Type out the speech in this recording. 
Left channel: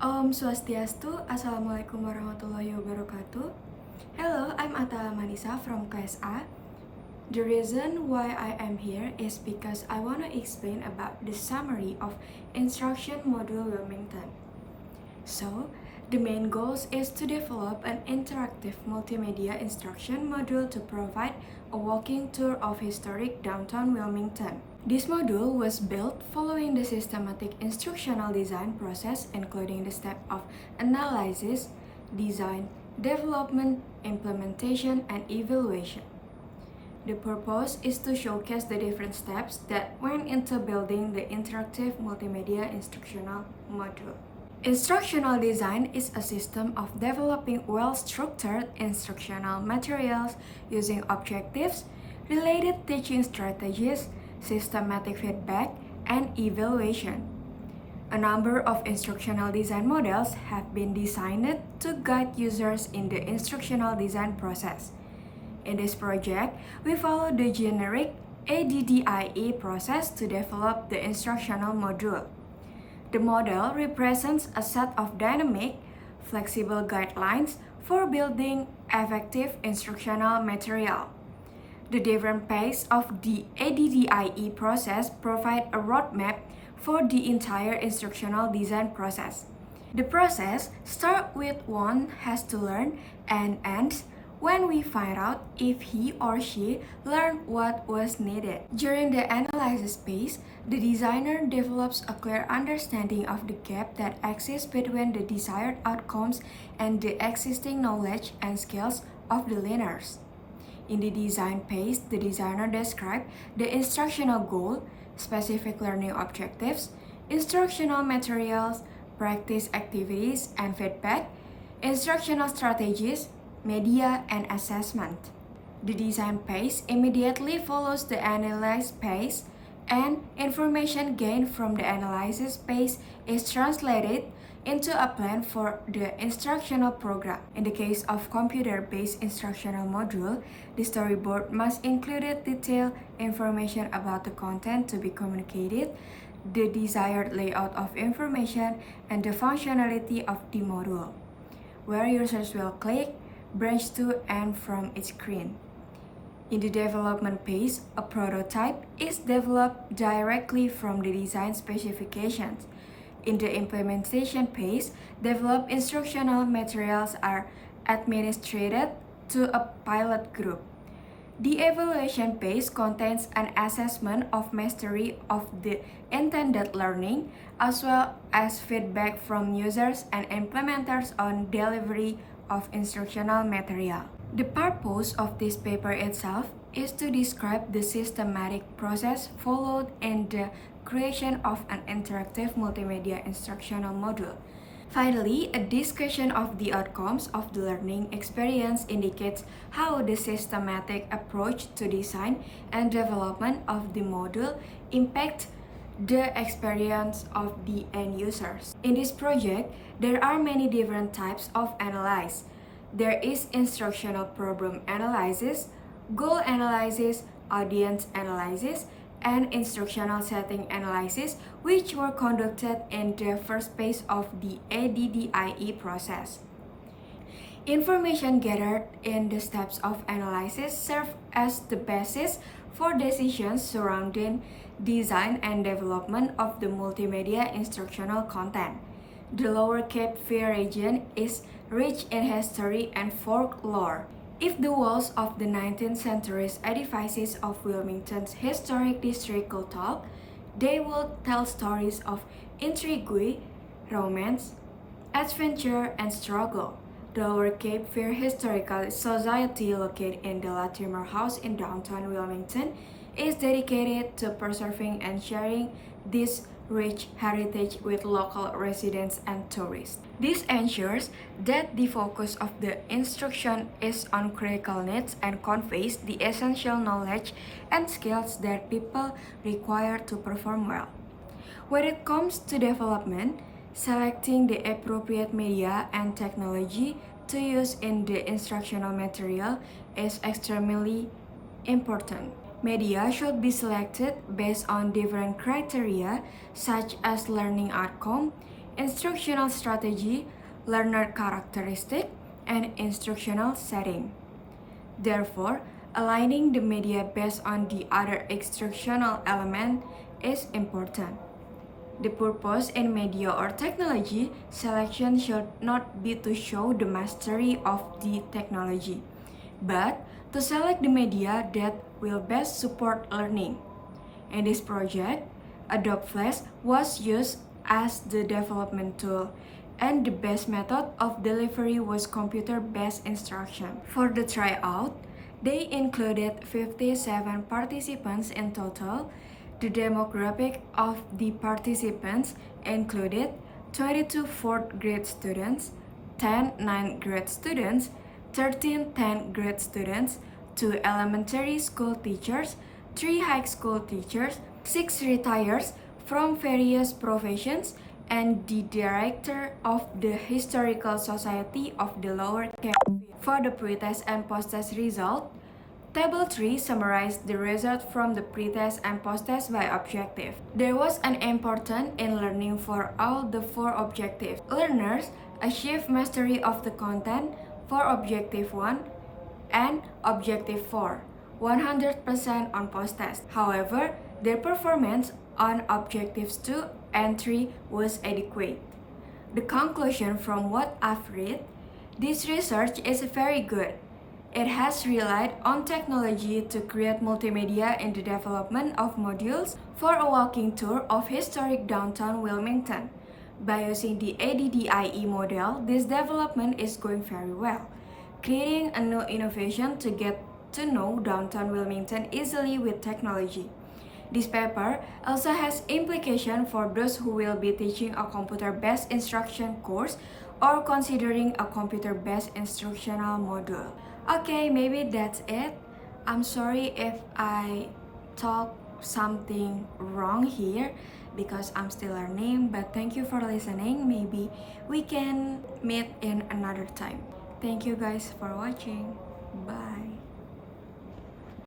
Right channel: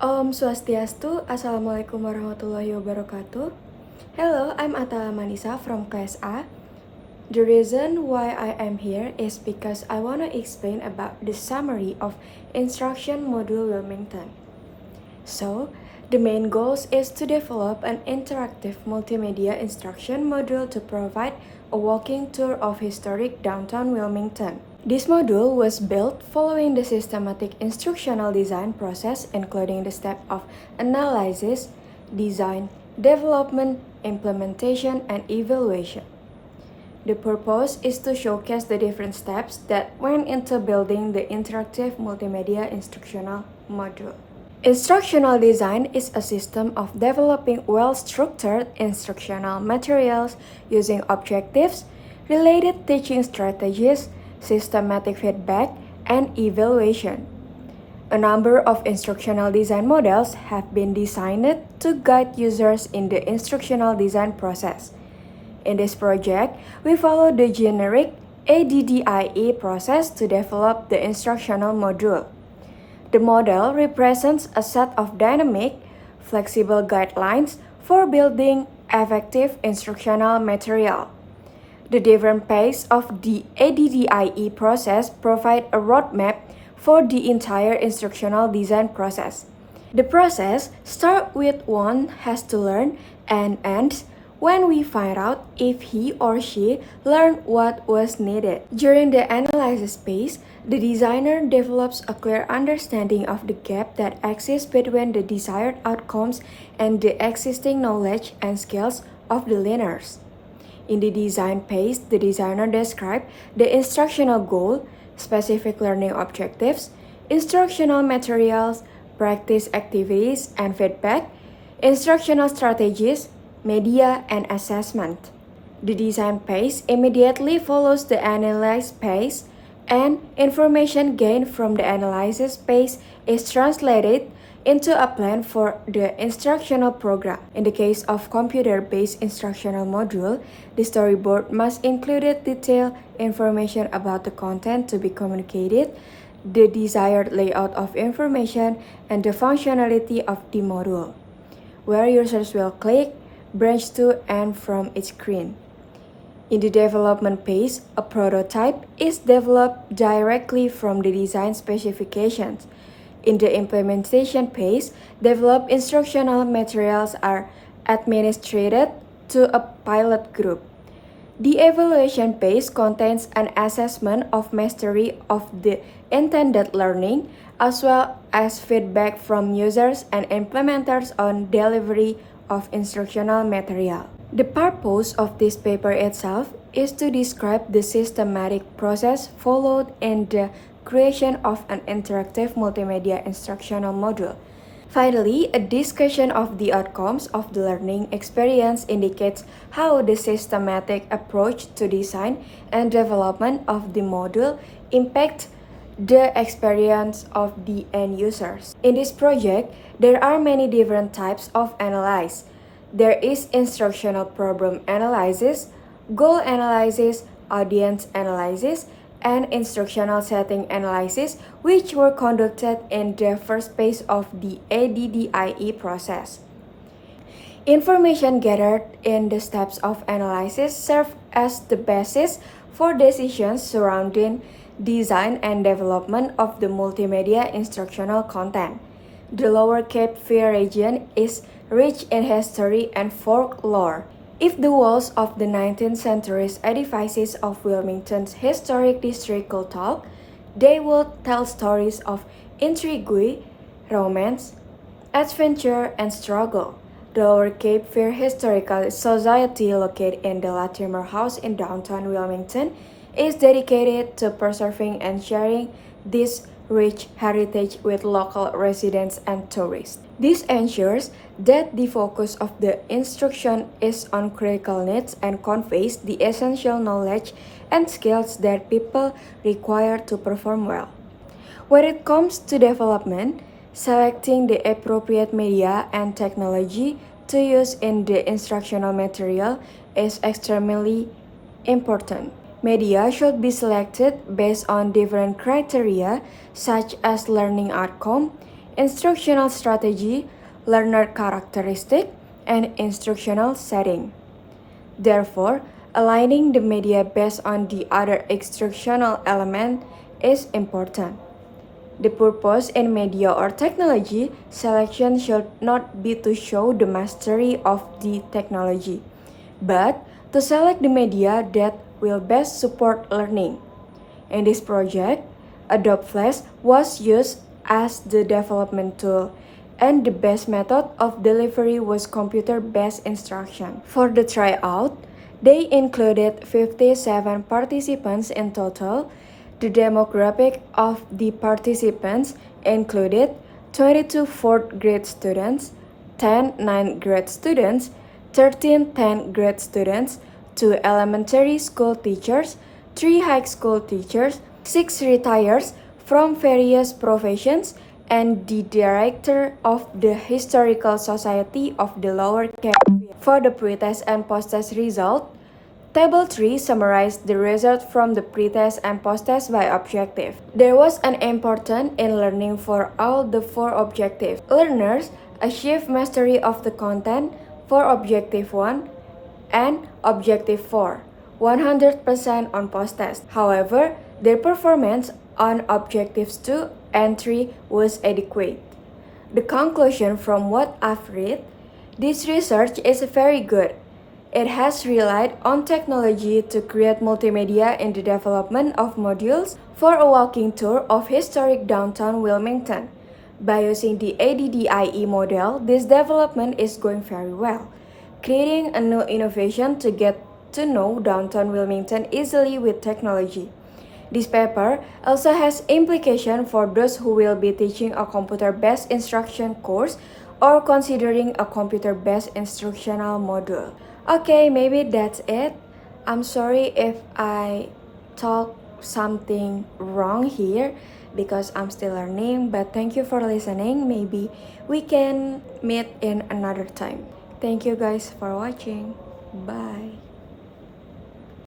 Om Swastiastu, Assalamualaikum warahmatullahi wabarakatuh. Hello, I'm Athalla Manissa from class A. The reason why I am here is because I want to explain about the summary of instruction module Wilmington. So, the main goals is to develop an interactive multimedia instruction module to provide a walking tour of historic downtown Wilmington. This module was built following the systematic instructional design process, including the step of analysis, design, development, implementation, and evaluation. The purpose is to showcase the different steps that went into building the interactive multimedia instructional module. Instructional design is a system of developing well-structured instructional materials using objectives, related teaching strategies, systematic feedback, and evaluation. A number of instructional design models have been designed to guide users in the instructional design process. In this project, we follow the generic ADDIE process to develop the instructional module. The model represents a set of dynamic, flexible guidelines for building effective instructional material. The different phases of the ADDIE process provide a roadmap for the entire instructional design process. The process starts with one has to learn and ends when we find out if he or she learned what was needed. During the analysis phase, the designer develops a clear understanding of the gap that exists between the desired outcomes and the existing knowledge and skills of the learners. In the design phase, the designer describes the instructional goal, specific learning objectives, instructional materials, practice activities and feedback, instructional strategies, media, and assessment. The design phase immediately follows the analysis phase, and information gained from the analysis phase is translated into a plan for the instructional program. In the case of computer-based instructional module, the storyboard must include detailed information about the content to be communicated, the desired layout of information, and the functionality of the module, where users will click, branch to, and from each screen. In the development phase, a prototype is developed directly from the design specifications. In the implementation phase, developed instructional materials are administered to a pilot group. The evaluation phase contains an assessment of mastery of the intended learning, as well as feedback from users and implementers on delivery of instructional material. The purpose of this paper itself is to describe the systematic process followed in the creation of an interactive multimedia instructional module. Finally, a discussion of the outcomes of the learning experience indicates how the systematic approach to design and development of the module impacts the experience of the end users. In this project, there are many different types of analysis. There is instructional problem analysis, goal analysis, audience analysis, and instructional setting analysis, which were conducted in the first phase of the ADDIE process. Information gathered in the steps of analysis serve as the basis for decisions surrounding design and development of the multimedia instructional content. The Lower Cape Fear region is rich in history and folklore. If the walls of the 19th century edifices of Wilmington's historic district could talk, they would tell stories of intrigue, romance, adventure, and struggle. The Lower Cape Fear Historical Society, located in the Latimer House in downtown Wilmington, is dedicated to preserving and sharing this rich heritage with local residents and tourists. This ensures that the focus of the instruction is on critical needs and conveys the essential knowledge and skills that people require to perform well. When it comes to development, selecting the appropriate media and technology to use in the instructional material is extremely important. Media should be selected based on different criteria such as learning outcome, instructional strategy, learner characteristic, and instructional setting. Therefore, aligning the media based on the other instructional element is important. The purpose in media or technology selection should not be to show the mastery of the technology, but to select the media that will best support learning. In this project, Adobe Flash was used as the development tool, and the best method of delivery was computer-based instruction. For the tryout, they included 57 participants in total. The demographic of the participants included 22 fourth grade students, 10 ninth grade students, 13 10th grade students, 2 elementary school teachers, 3 high school teachers, 6 retirees from various professions, and the director of the Historical Society of the Lower Caribbean. For the pretest and post-test result, Table 3 summarized the result from the pretest and post-test by objective. There was an important in learning for all the 4 objectives. Learners achieved mastery of the content for objective 1 and objective 4, 100% on post-test. However, their performance on objectives 2 and 3 was adequate. The conclusion from what I've read, this research is very good. It has relied on technology to create multimedia in the development of modules for a walking tour of historic downtown Wilmington. By using the ADDIE model, this development is going very well, creating a new innovation to get to know downtown Wilmington easily with technology. This paper also has implication for those who will be teaching a computer-based instruction course or considering a computer-based instructional module. Okay, maybe that's it. I'm sorry if I talk something wrong here because I'm still learning, but thank you for listening. Maybe we can meet in another time. Thank you guys for watching. Bye.